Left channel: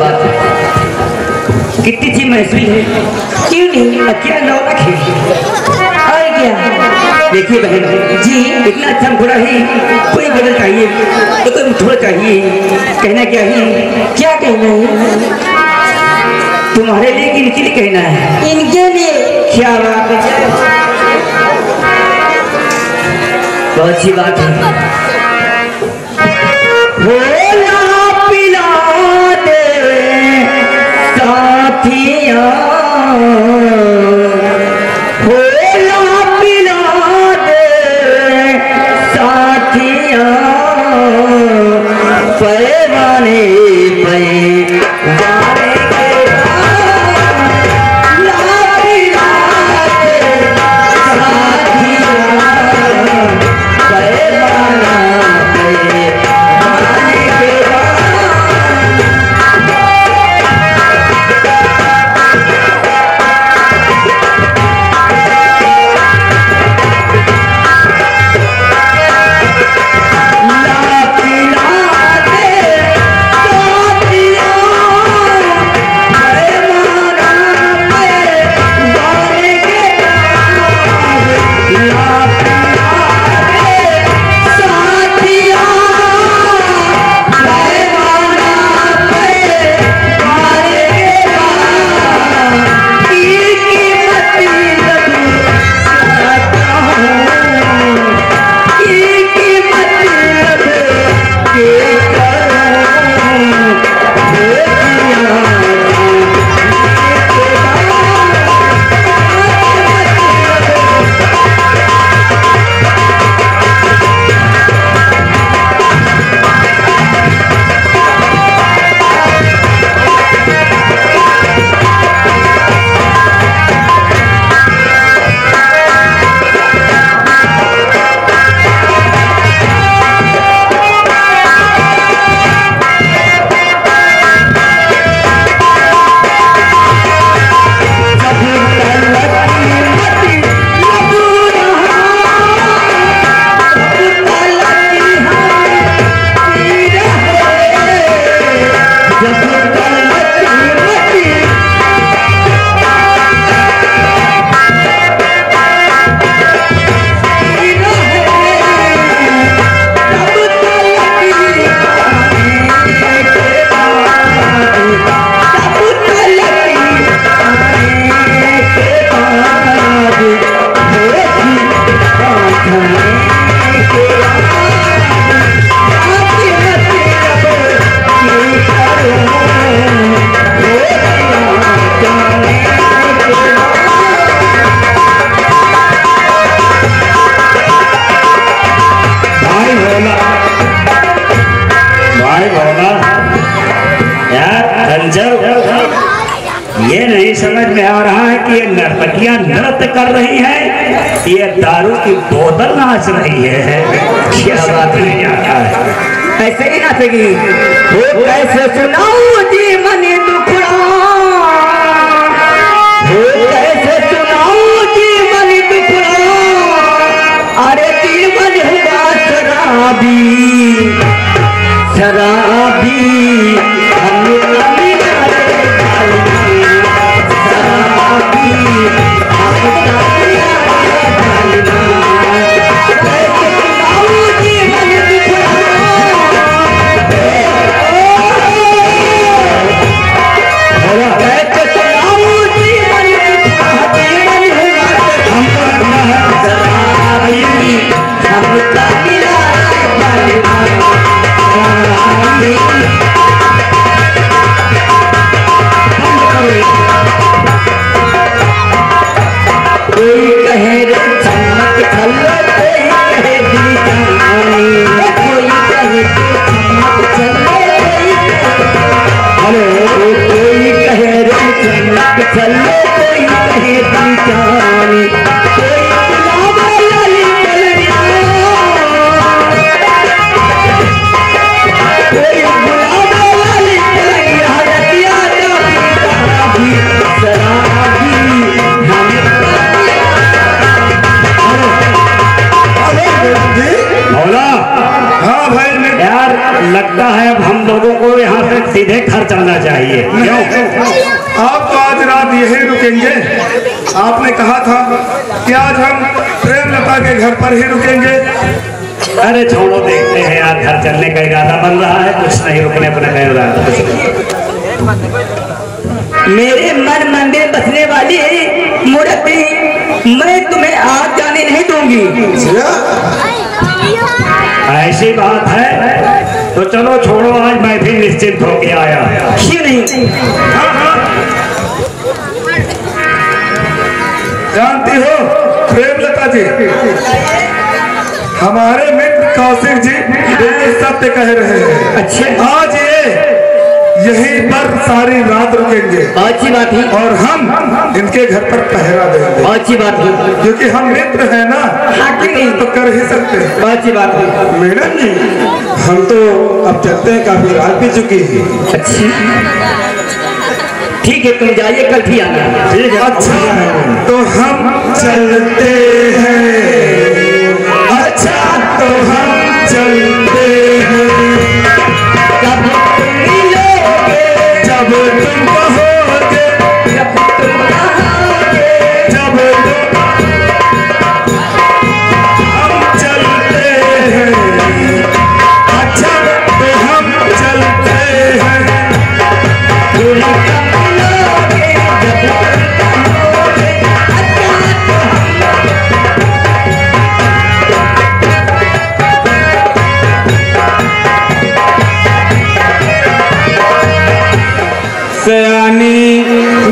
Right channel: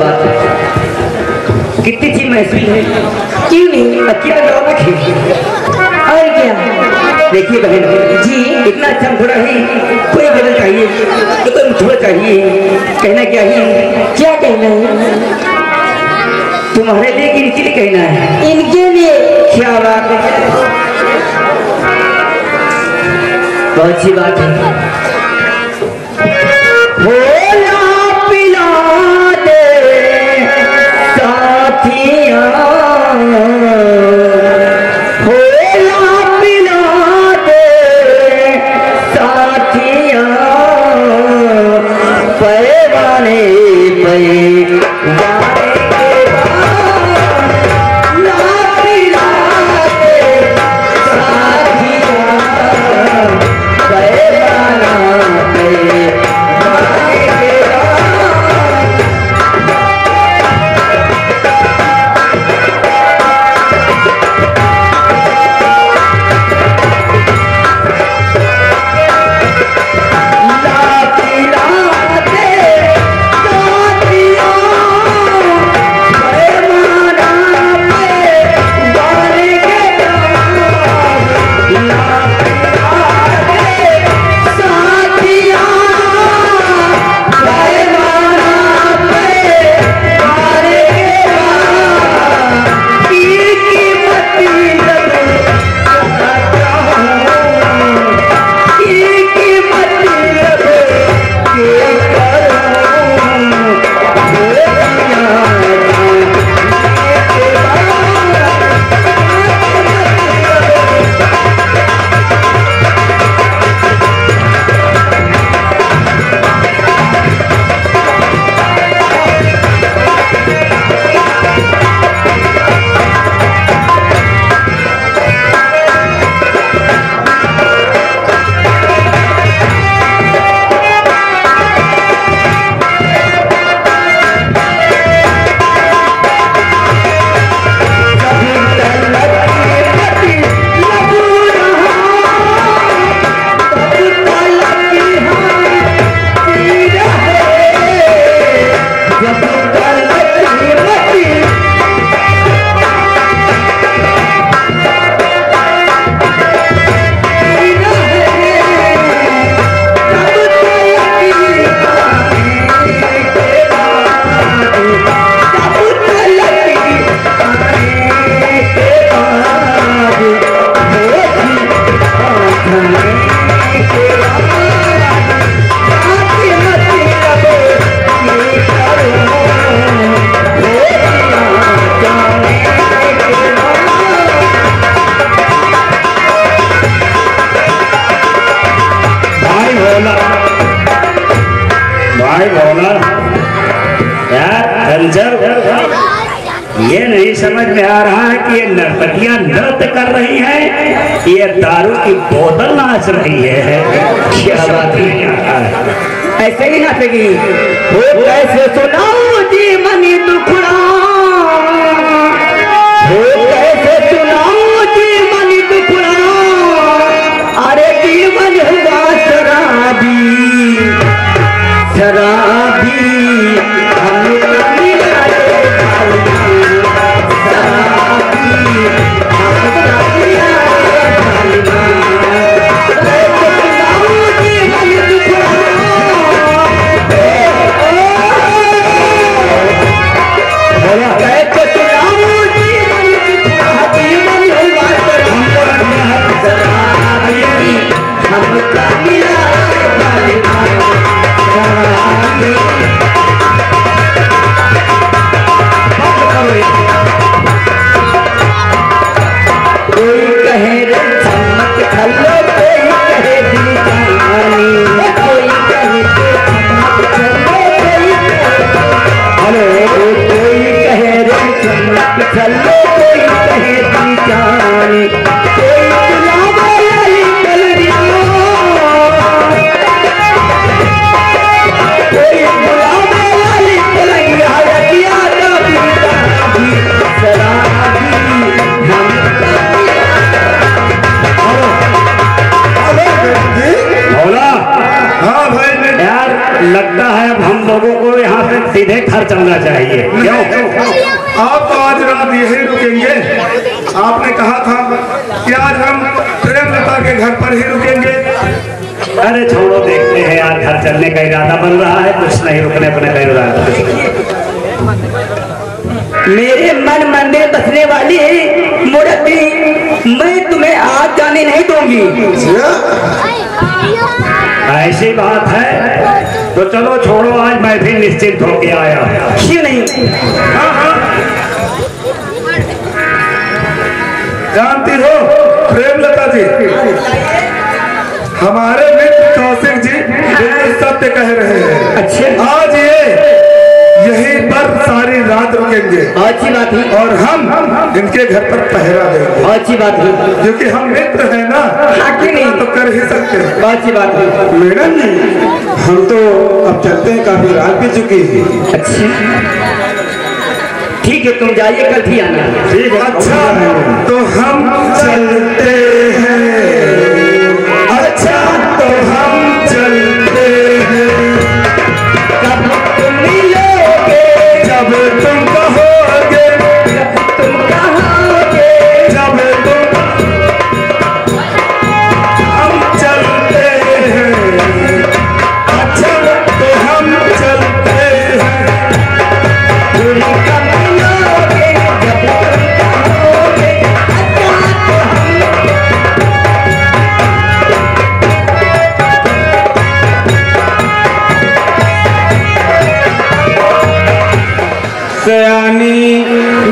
बात है, कितनी चीज महसूस है, क्यों नहीं अच्छी रौनक है। और क्या देखिए बहन जी, इतना अच्छा घोड़ा है, कोई बदल चाहिए तो कोई थोड़ा चाहिए, कहना क्या है, क्या कहना है तुम्हारे लिए कि इनके लिए कहना है, इनके लिए। क्या बात है, बहुत अच्छी बात है। भोला पिला दे साथिया, भोला पिला दे साथिया, पैमाने ये नहीं समझ में आ रहा है कि ये नर्तकियां नृत्य कर रही हैं, ये दारू की बोतल नाच रही है। क्या बात है, ऐसे ही नाचेगी वो, कैसे सुनाओ जी मनी दुखड़ा, वो कैसे सुनाओ जी मनी दुखड़ा, अरे जीवन हुआ शराबी शराबी, लगता है अब हम लोगों को यहाँ से सीधे घर चलना चाहिए। आप तो आज रात यही रुकेंगे? आपने कहा था कि आज हम प्रेमलता के घर पर ही रुकेंगे। अरे छोड़ो, देखते हैं यार, घर चलने का इरादा बन रहा है, कुछ नहीं रुकने अपने का इरादा। मेरे मन मंदिर बसने वाली मूर्ति, मैं तुम्हें आज जाने नहीं दूंगी। ऐसी बात है तो चलो छोड़ो, आज मैं भी निश्चिंत होके आया। क्यों नहीं? हाँ। जानती हो प्रेमलता जी, हमारे मित्र कौशिक जी बिल्कुल सत्य कह रहे हैं। अच्छा, आज ये यहीं पर सारी रात रुकेंगे। अच्छी बात है। और हम इनके घर पर पहरा देंगे। अच्छी बात है, क्योंकि हम मित्र हैं ना, इतना तो कर ही सकते हैं। अच्छी बात है। मैडम जी, हम तो अब चलते हैं, काफी रात भी चुकी है। अच्छा ठीक है, तुम जाइए, कल भी आना। ठीक है। अच्छा तो हम चलते हैं। अच्छा तो हम चलते हैं। जब तुम मिलोगे, जब तुम कहोगे, जब तुम कहोगे, जब तुम, हम चलते हैं। अच्छा तो हम चलते हैं। सयानी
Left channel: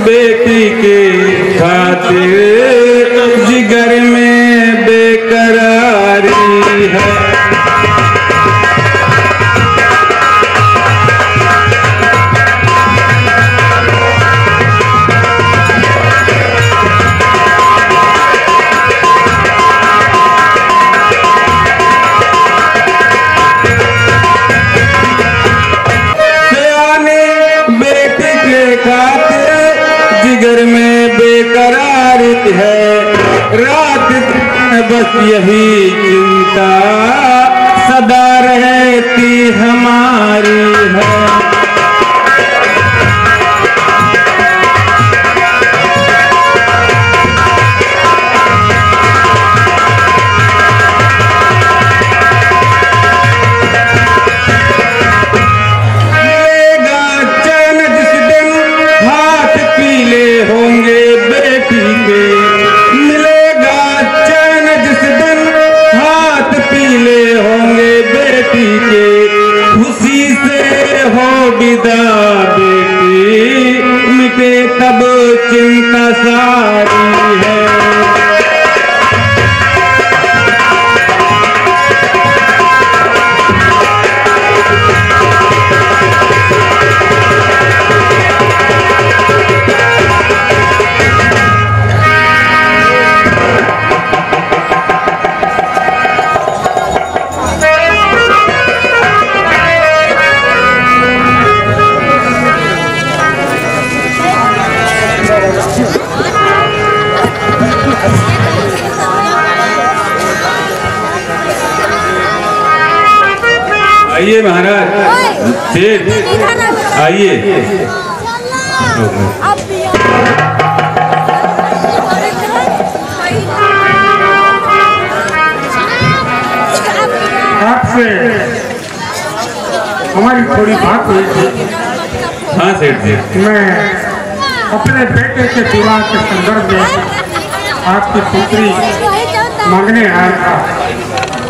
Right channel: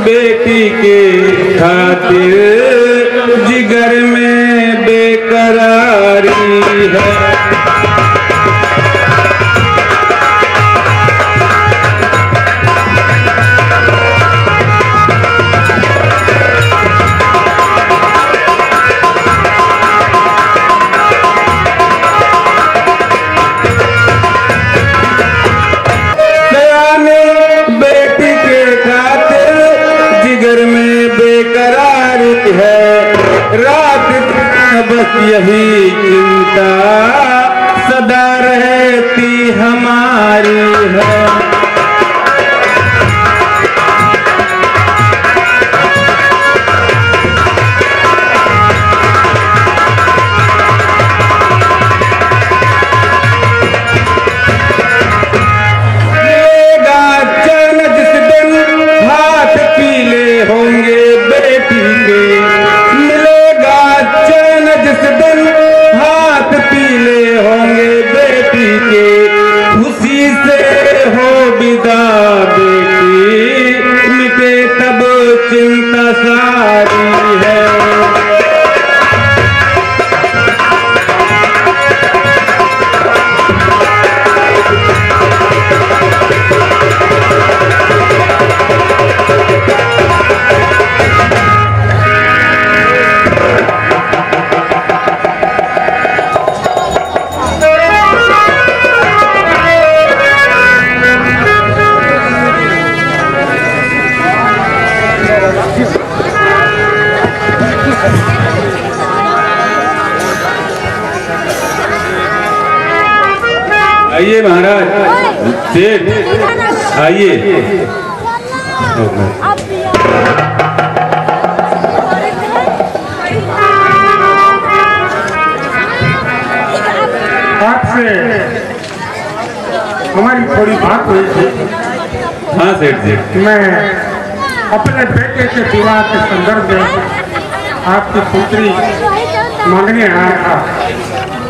बेटी के खातिर जिगर में बेकरारी है। जिगर में बेकरार है, रात बस यही चिंता सदा रहती हमारी है। होंगे बेटी के, मिलेगा चैन जिस दिन हाथ पीले होंगे बेटी के। खुशी से हो विदा बेटी, मिटे तब चिंता सारी है। आइए महाराज, सेठ आइए। आपसे हमारी थोड़ी बात हुई थी। हाँ सेठ जी, मैं अपने बेटे के विवाह के संदर्भ में आपकी पुत्री मांगने आया था।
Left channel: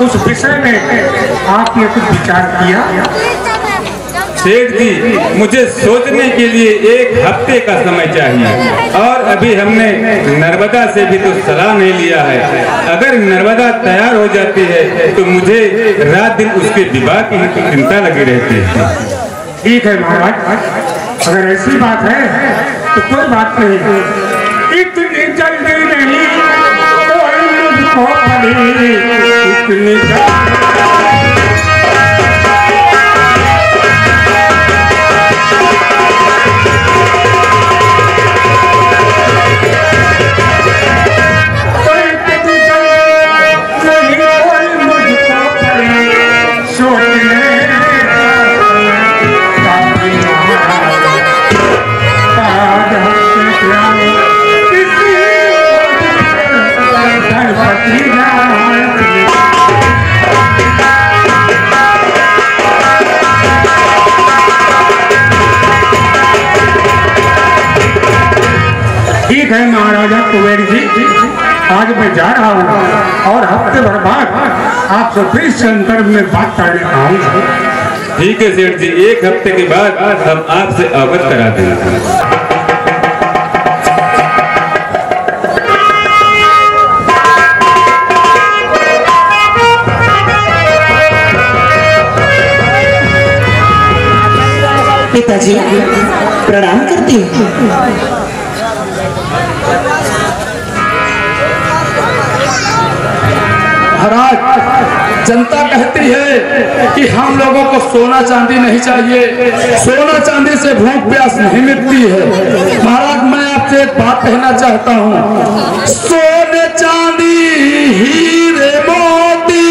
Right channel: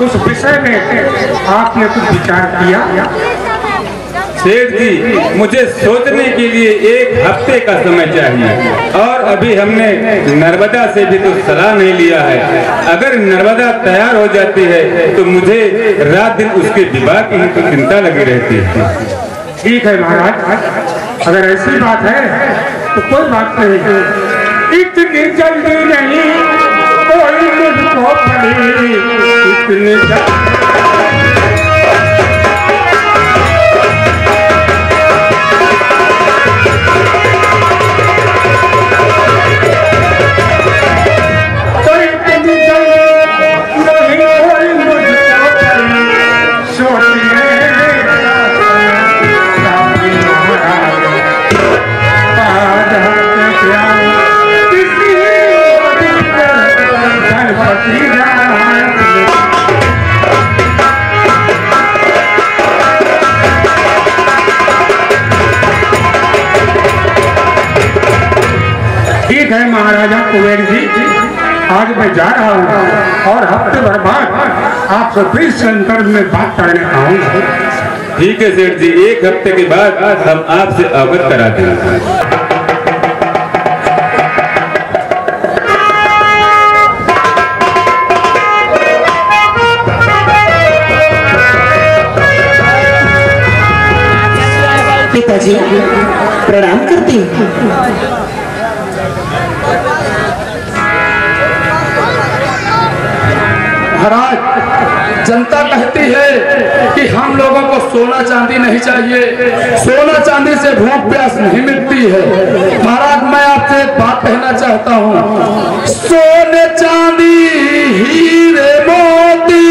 उस विषय में आपने कुछ विचार किया? सेठ जी, मुझे सोचने के लिए 1 हफ्ते का समय चाहिए, और अभी हमने नर्मदा से भी तो सलाह नहीं लिया है। अगर नर्मदा तैयार हो जाती है तो मुझे रात दिन उसके विवाह की ही तो चिंता लगी रहती है। ठीक है महाराज, अगर ऐसी बात है तो कोई बात नहीं। इतनी जल्दी नहीं कोई मुझको पड़ी, इतनी कुबेर जी, आज मैं जा रहा हूँ और हफ्ते भर बाद आपसे फिर संदर्भ में बात करने आऊंगा। ठीक है सेठ जी, एक हफ्ते के बाद हम आपसे अवगत करा देंगे। पिताजी प्रणाम करती हूँ। महाराज, जनता कहती है कि हम लोगों को सोना चांदी नहीं चाहिए, सोना चांदी से भूख प्यास नहीं मिटती है। महाराज, मैं आपसे एक बात कहना चाहता हूँ, सोने चांदी हीरे मोती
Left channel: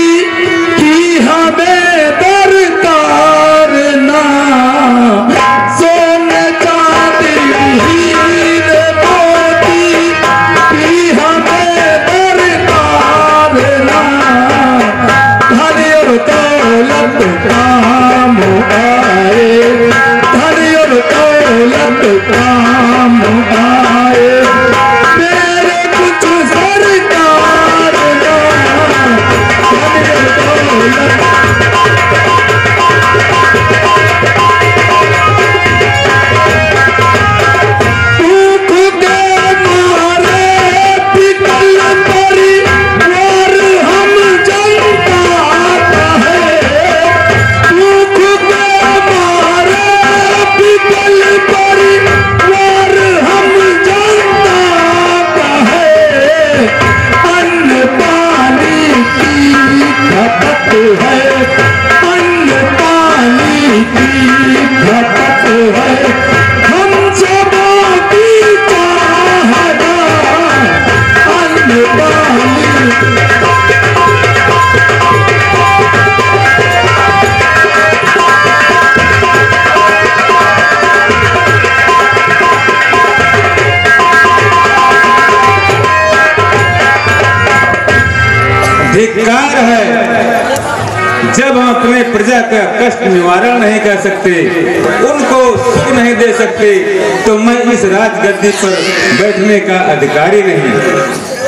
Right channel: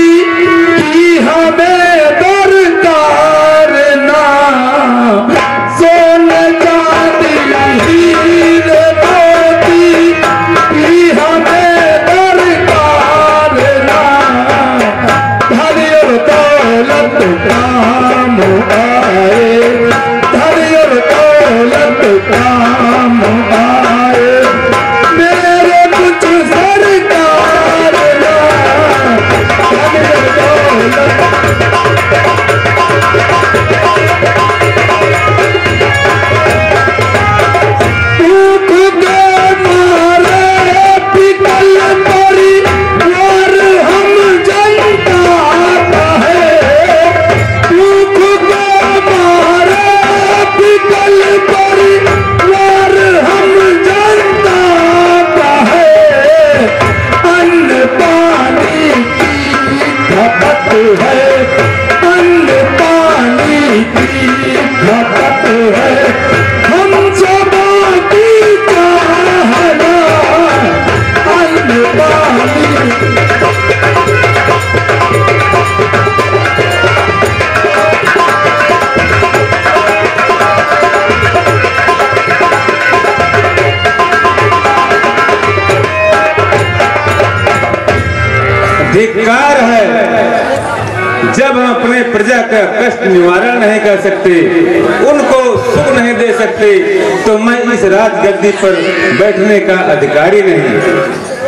की हमें दरकार ना, सोने चांदी हीरे मोती की हमें दरकार ना, धनी और दौलत काम आए, धनी और दौलत काम आए, मेरे कुछ सरकार ना, धनी और दौलत। धिक्कार है जब हम अपने प्रजा का कष्ट निवारण नहीं कर सकते, उनको सुख नहीं दे सकते, तो मैं इस राजगद्दी पर बैठने का अधिकारी नहीं।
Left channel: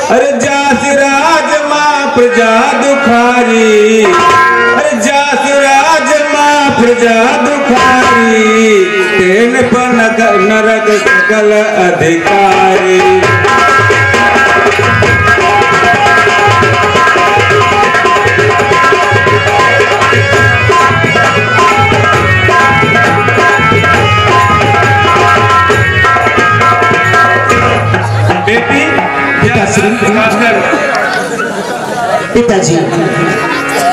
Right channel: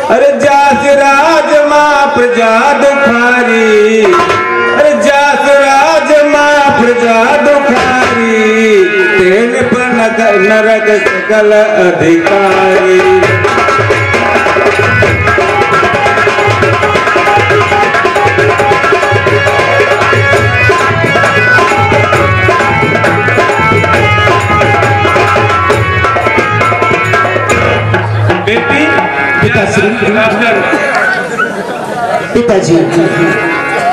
अरे जास राज माँ प्रजा दुखारी, अरे जास राज माँ प्रजा दुखारी, तेन पर नरक सकल अधिकारी। पिताजी,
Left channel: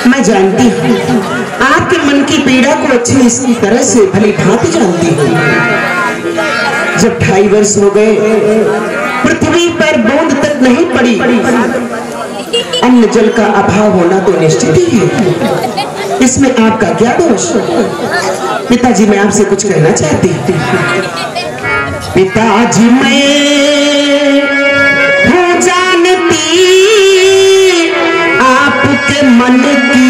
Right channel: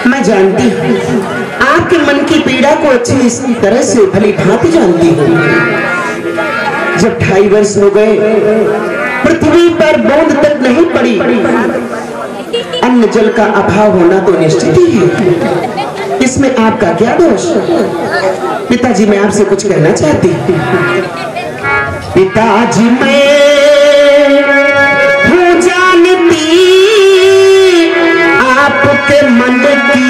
मैं जानती हूँ आपके मन की पीड़ा को अच्छी तरह से भली भांति जानती हूँ। जब 2.5 वर्ष हो गए, पृथ्वी पर बूंद तक नहीं पड़ी, अन्न जल का अभाव होना तो निश्चित ही है, इसमें आपका क्या दोष? पिताजी, मैं आपसे कुछ कहना चाहती हूँ। पिताजी, मैं आपके मन की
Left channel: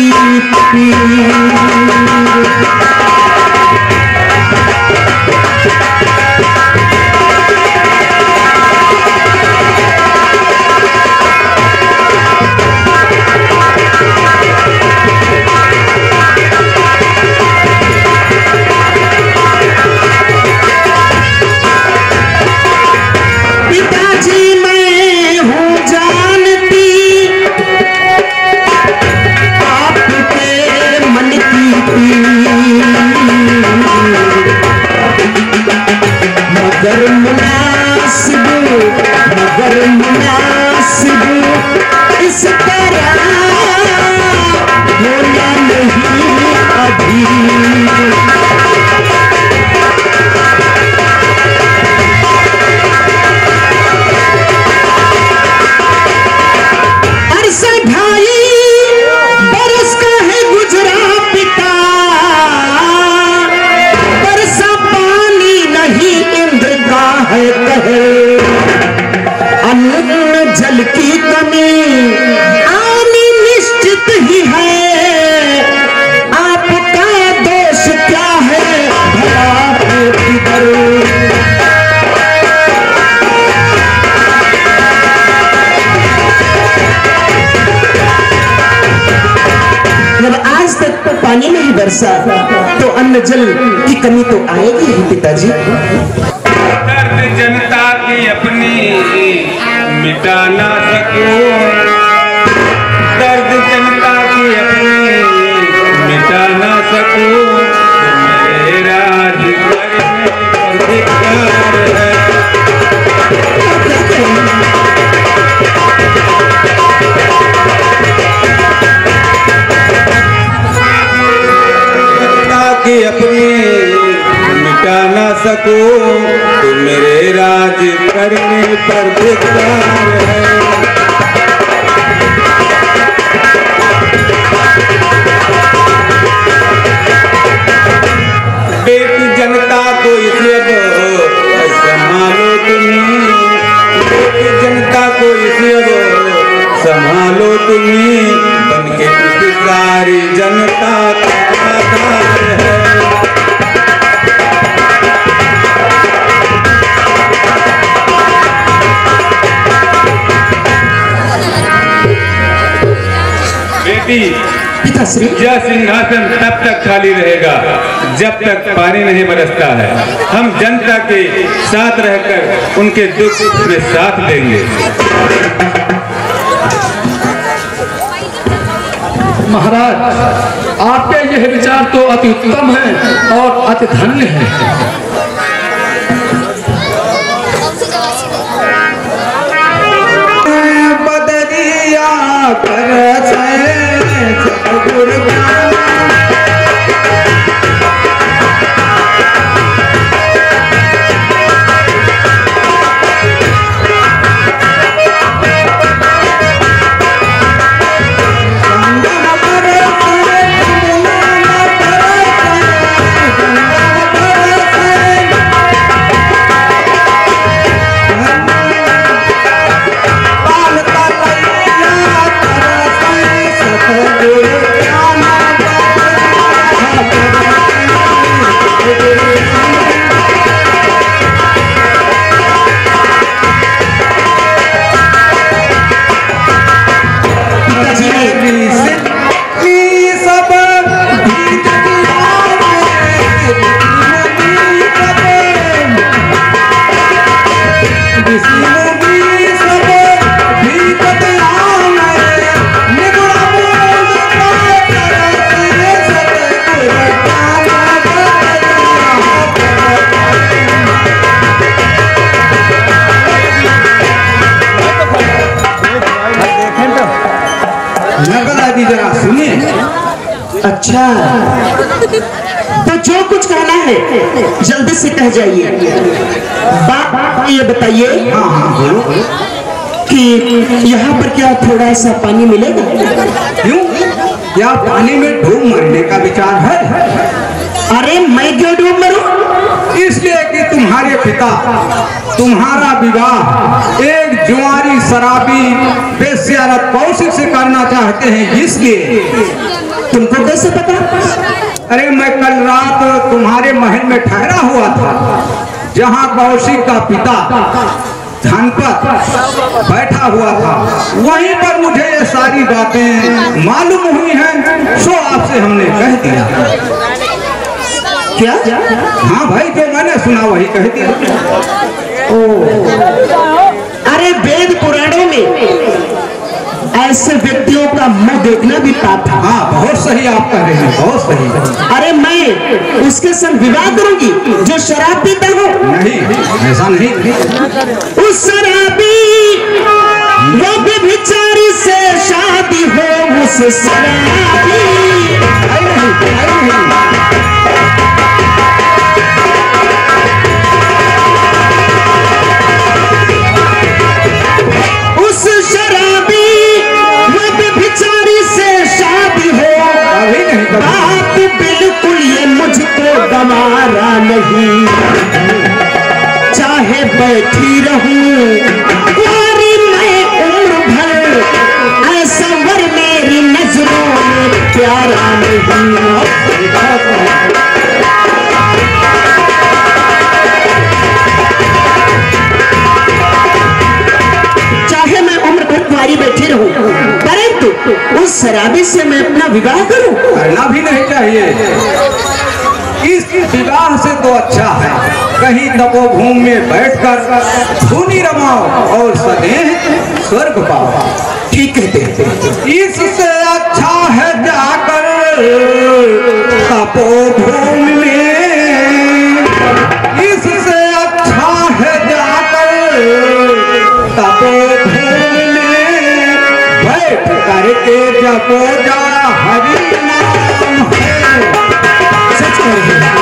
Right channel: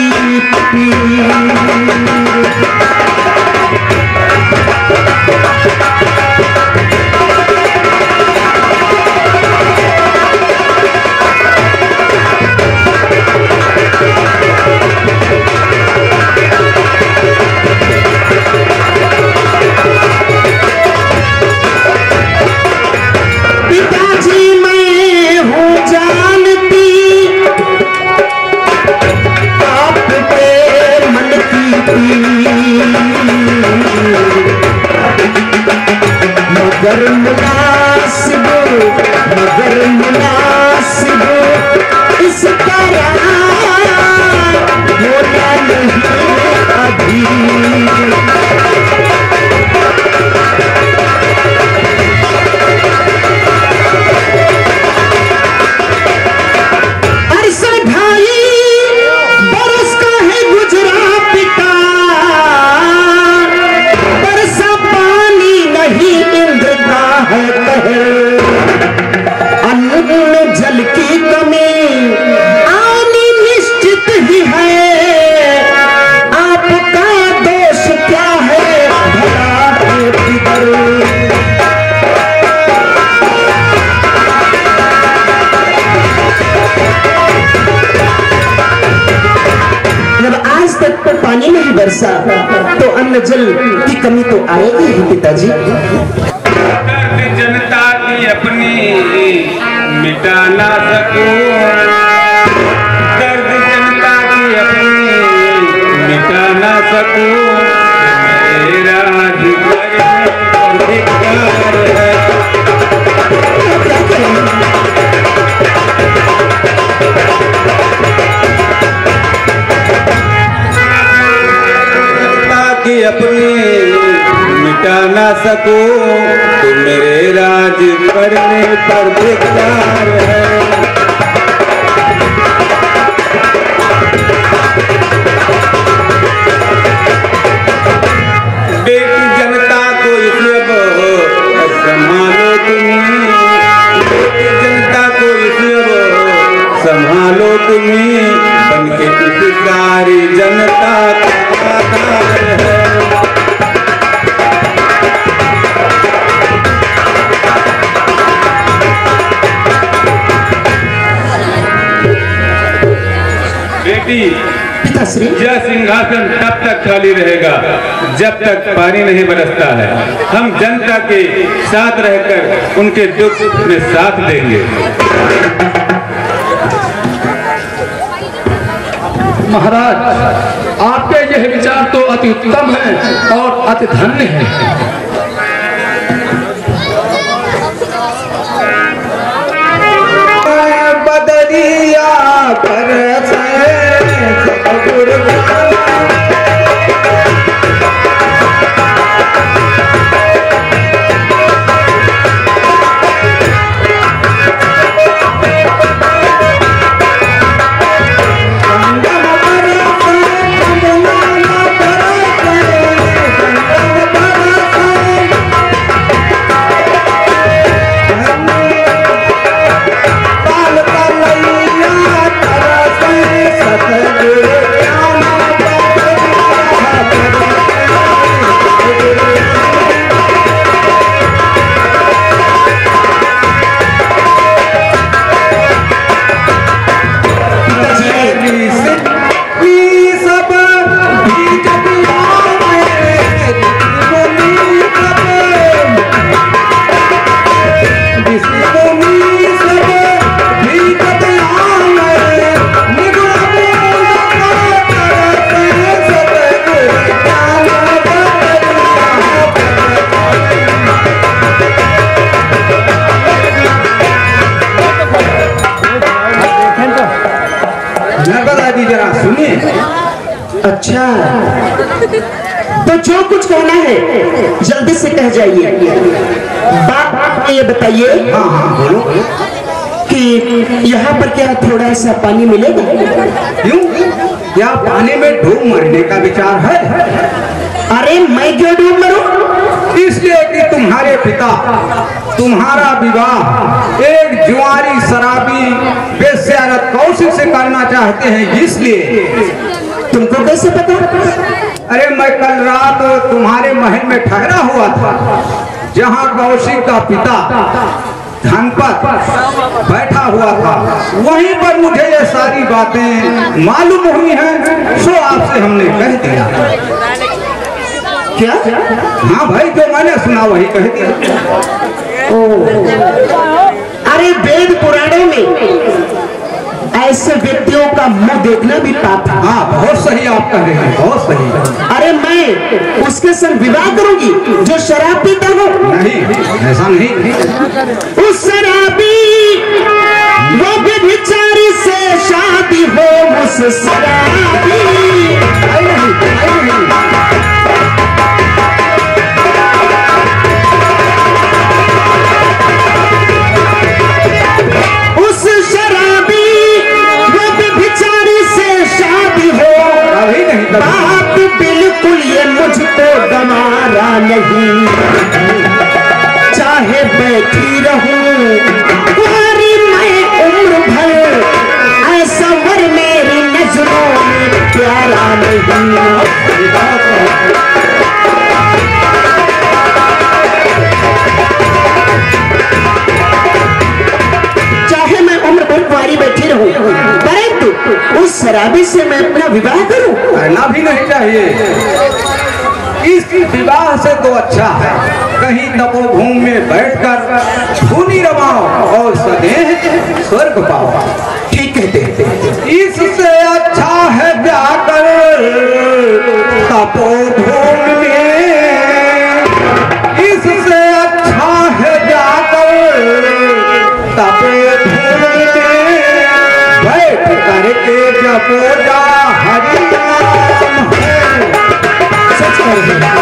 पिताजी, मैं हूँ जानती मगर मुनासिब इस तरह होना नहीं अभी। अरसे 2.5 बरस का है गुजरा पिता, बरसा पानी नहीं इंद्रता है कहे, अन्न जल की कमी आनी निश्चित ही है, आपका जब आज तक तो पानी नहीं बरसा तो अन्न जल की कमी तो आएगी ही पिताजी। दर्द जनता की अपनी मिटा ना सकूं, दर्द जनता की अपनी मिटा ना सकूं, मेरा अधिकार है। कि अपने मिटा ना सकूं तो मेरे राज करने पर धिक्कार है। बेटी जनता को इसे संभालो तुम्हें, बेटी जनता को इसे संभालो तुम्हें, बनके इस सारी जनता का आधार है। यह सिंहासन तब तक खाली रहेगा जब तक पानी नहीं बरसता है। हम जनता के साथ रहकर उनके दुख में साथ देंगे। महाराज, आपके यह विचार तो अति उत्तम है और अति धन्य है। बदरिया कर अच्छा, तो जो कुछ कहना है जल्दी से कह जाइए। बात ये बताइए कि यहाँ पर क्या थोड़ा सा पानी मिलेगा? क्यों, क्या पानी में डूब मरने का विचार है? अरे मैं क्यों डूब मरूं? इसलिए कि तुम्हारे पिता तुम्हारा विवाह एक जुआरी शराबी बेस्यारत कौशिक से करना चाहते हैं, इसलिए। तुमको कैसे पता? अरे मैं कल रात तुम्हारे महल में ठहरा हुआ था, जहाँ कौशिक का पिता धनपत बैठा हुआ था। वहीं पर मुझे ये सारी बातें मालूम हुई हैं, सो आपसे हमने कह दिया। क्या? हाँ भाई, जो मैंने सुना वही कह दिया। अरे वेद पुराणों में ऐसे व्यक्तियों का मुंह देखना भी पाप है। हाँ, बहुत सही आप कह रहे हैं, बहुत सही। अरे मैं उसके संग विवाह करूंगी जो शराब पीता हो? नहीं, ऐसा नहीं। उस शराबी वो व्यभिचारी से शादी हो, उस शराबी बात बिल्कुल ये मुझको गंवारा नहीं, चाहे बैठी रहूं कुंवारी मैं उम्र भर, ऐसा वर मेरी नजरों में प्यारा नहीं। चाहे मैं उम्र भर कुंवारी बैठी रहूं, परंतु उस शराबी से मैं अपना विवाह करूं? करना भी नहीं चाहिए। इस विवाह से तो अच्छा है कहीं तपोभूमि में बैठकर धूनी रमाओ और सदैव स्वर्ग पाओ। ठीक कहते। इससे अच्छा है जाकर तपोभूमि में, इससे अच्छा है जाकर तपोभूमि में बैठ करके जपो जा हरि नाम है। सच कह रहे हैं।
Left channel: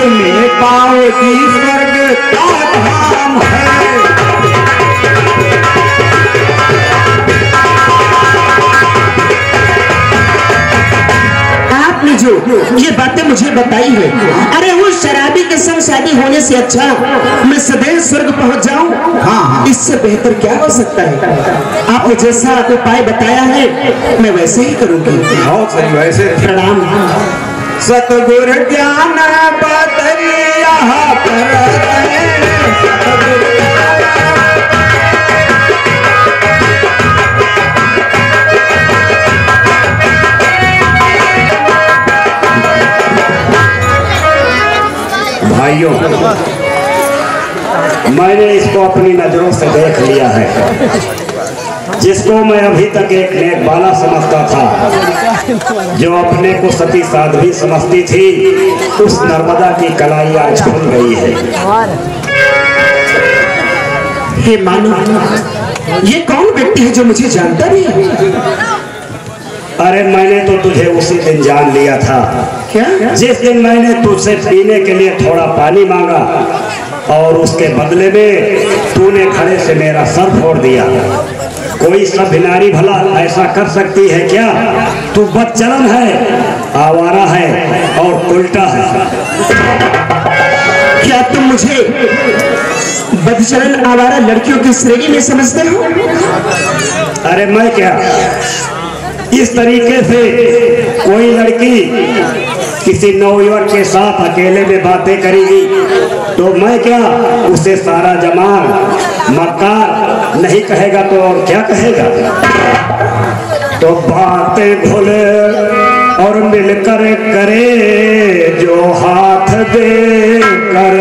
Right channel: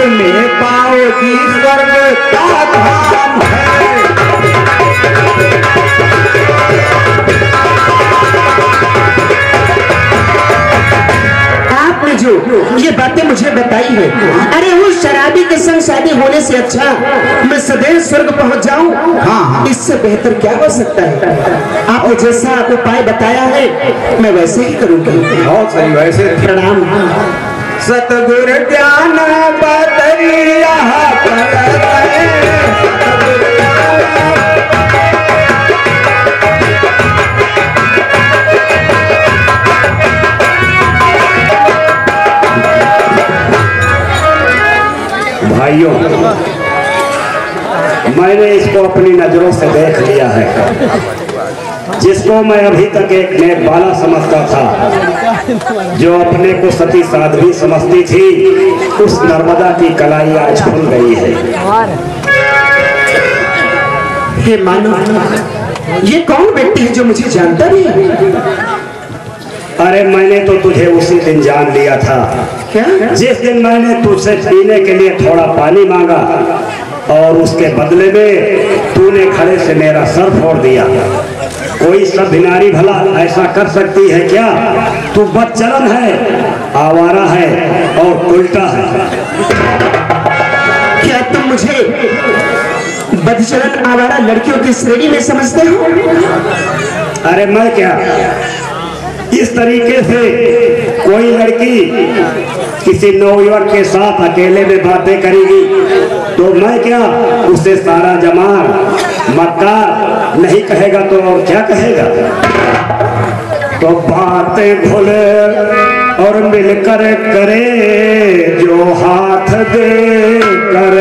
में पाओगी स्वर्ग का धाम है। आपने जो ये बातें मुझे बताई है, अरे वो शराबी के संग शादी होने से अच्छा मैं सदैव स्वर्ग पहुंच जाऊं। हाँ, इससे बेहतर क्या हो सकता है? आपने जैसा उपाय बताया है मैं वैसे ही करूंगी। बहुत सही, वैसे प्रणाम। सतगुरु ज्ञान बतरिया भाइयों, मैंने इसको अपनी नजरों से देख लिया है। जिसको मैं अभी तक एक नेक बाला समझता था, जो अपने को सती साध्वी समझती थी, उस नर्मदा की कलाई आज खुल गई है। हे मानव, ये कौन व्यक्ति है जो मुझे जानता नहीं है? अरे मैंने तो तुझे उसी दिन जान लिया था। क्या? जिस दिन मैंने तुझसे पीने के लिए थोड़ा पानी मांगा और उसके बदले में तूने खड़े से मेरा सर फोड़ दिया। कोई सभ्य नारी भला ऐसा कर सकती है क्या? तू बदचलन है, आवारा है और उल्टा है। क्या तुम मुझे बदचलन आवारा लड़कियों की श्रेणी में समझते हो? अरे मैं क्या, इस तरीके से कोई लड़की किसी नौयुवक के साथ अकेले में बातें करेगी तो मैं क्या उसे सारा जमाल मक्कार नहीं कहेगा तो और क्या कहेगा? तो बातें भूले और मिलकर करे जो हाथ दे कर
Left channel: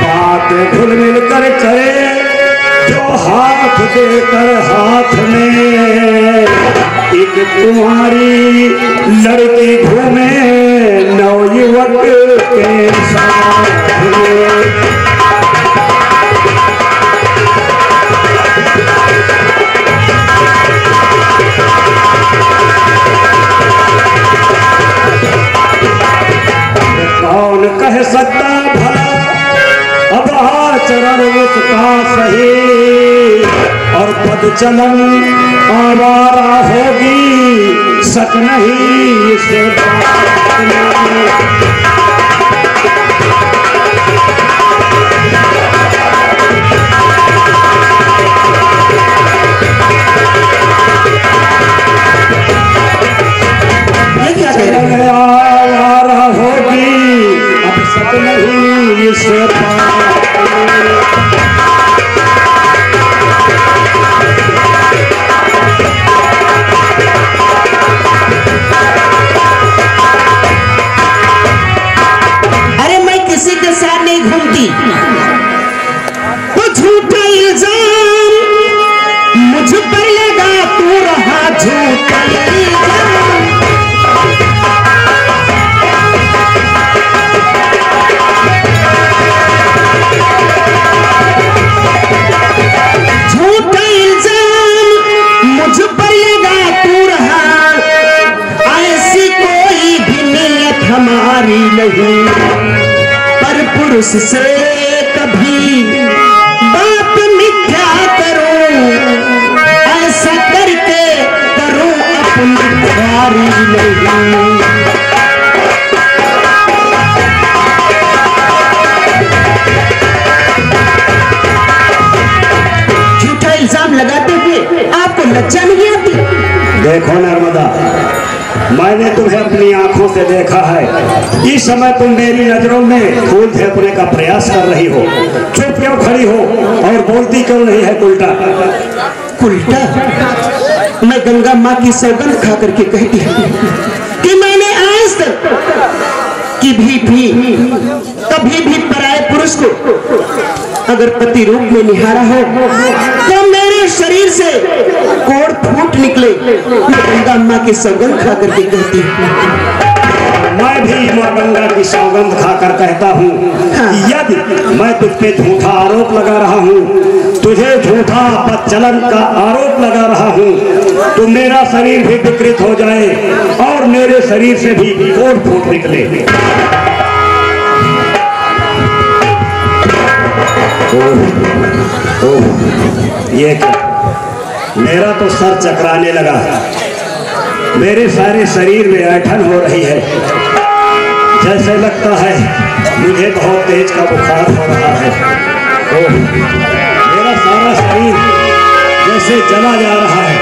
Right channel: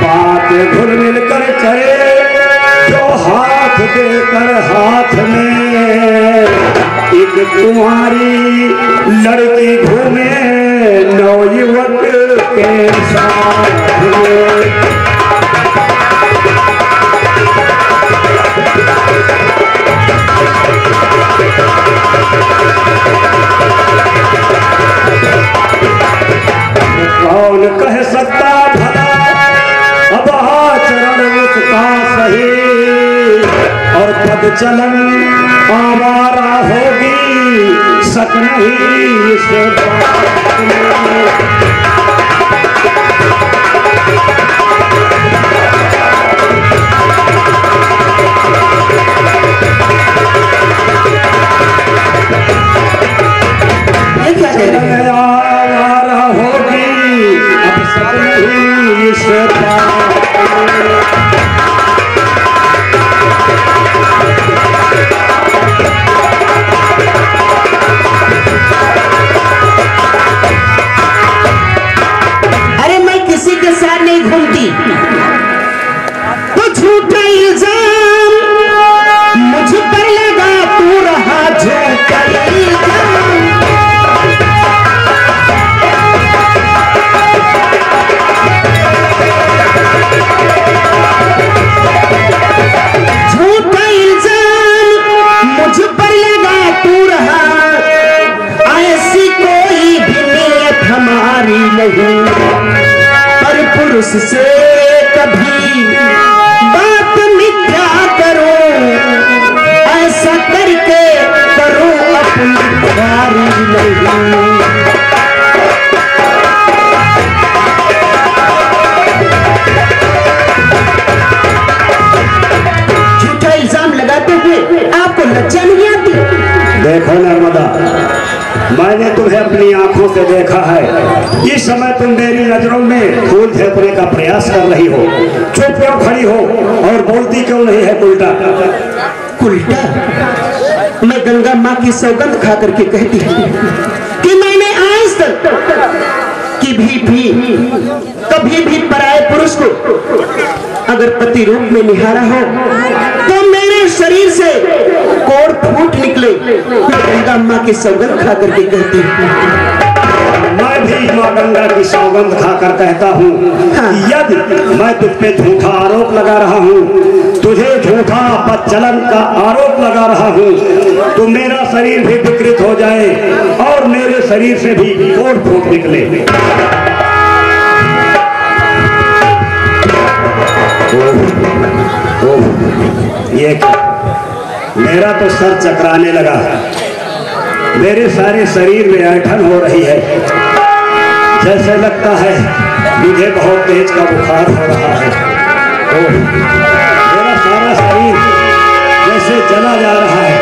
हाथ घुल मिलकर करे जो हाथ देकर हाथ में एक तुम्हारी लड़की घूमे नौयुवक के साथ में। कौन कह सकता भला अब आचरण उसका सही और पदचलन आवारा होगी, शक नहीं इस बात में। आवारा होगी, अब शक नहीं इस बात में। मुझ पर लगा तू रहा, ऐसी कोई भी नियत हमारी नहीं, पर पुरुष से कभी बात मिथ्या करो, ऐसा करके करो अपनी बारी नहीं। झूठा इल्जाम लगाते हुए आपको लज्जा नहीं आती? देखो नर्मदा, मैंने तुम्हें अपनी आंखों से देखा है। इस समय तुम मेरी नजरों में फूल फेंकने का प्रयास कर रही हो। चुप क्यों खड़ी हो और बोलती क्यों नहीं है उल्टा? उल्टा? मैं गंगा माँ की सौगंध खा करके कहती हूँ कि मैंने आज तक कभी भी पराये पुरुष को अगर पति रूप में निहारा हो तो मेरे शरीर से कोड़ फूट निकले। मैं गंगा माँ की सौगंध खा करके कहती हूँ। मैं भी माँ गंगा की सौगंध खाकर कहता हूँ कि यदि मैं तुझ पे झूठा आरोप लगा रहा हूँ, तुझे झूठा प्रचलन का आरोप लगा रहा हूँ, तो मेरा शरीर भी विकृत हो जाए और मेरे शरीर से भी कोड़ फूट निकले। ये क्या? मेरा तो सर चकराने लगा, मेरे सारे शरीर में ऐंठन हो रही है, जैसे लगता है मुझे बहुत तेज का बुखार हो रहा है। मेरा सारा शरीर जैसे जला जा रहा है।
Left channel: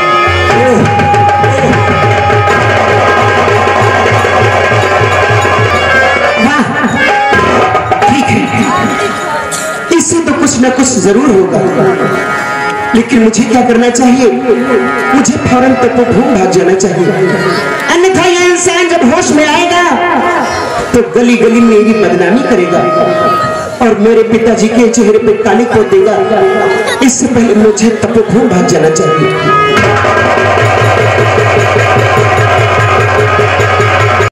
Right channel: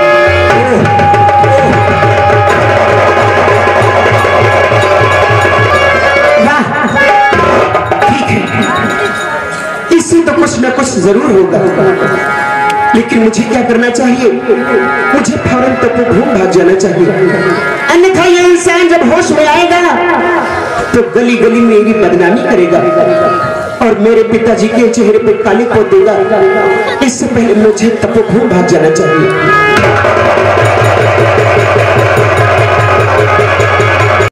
ठीक है, इससे तो कुछ न कुछ जरूर होगा, लेकिन मुझे क्या करना चाहिए? मुझे फौरन तपोभूम भाग जाना चाहिए, अन्यथा यह इंसान जब होश में आएगा तो गली गली में मेरी बदनामी करेगा और मेरे पिताजी के चेहरे पर काली पोत देगा। इससे पहले मुझे तपोभूम भाग जाना चाहिए।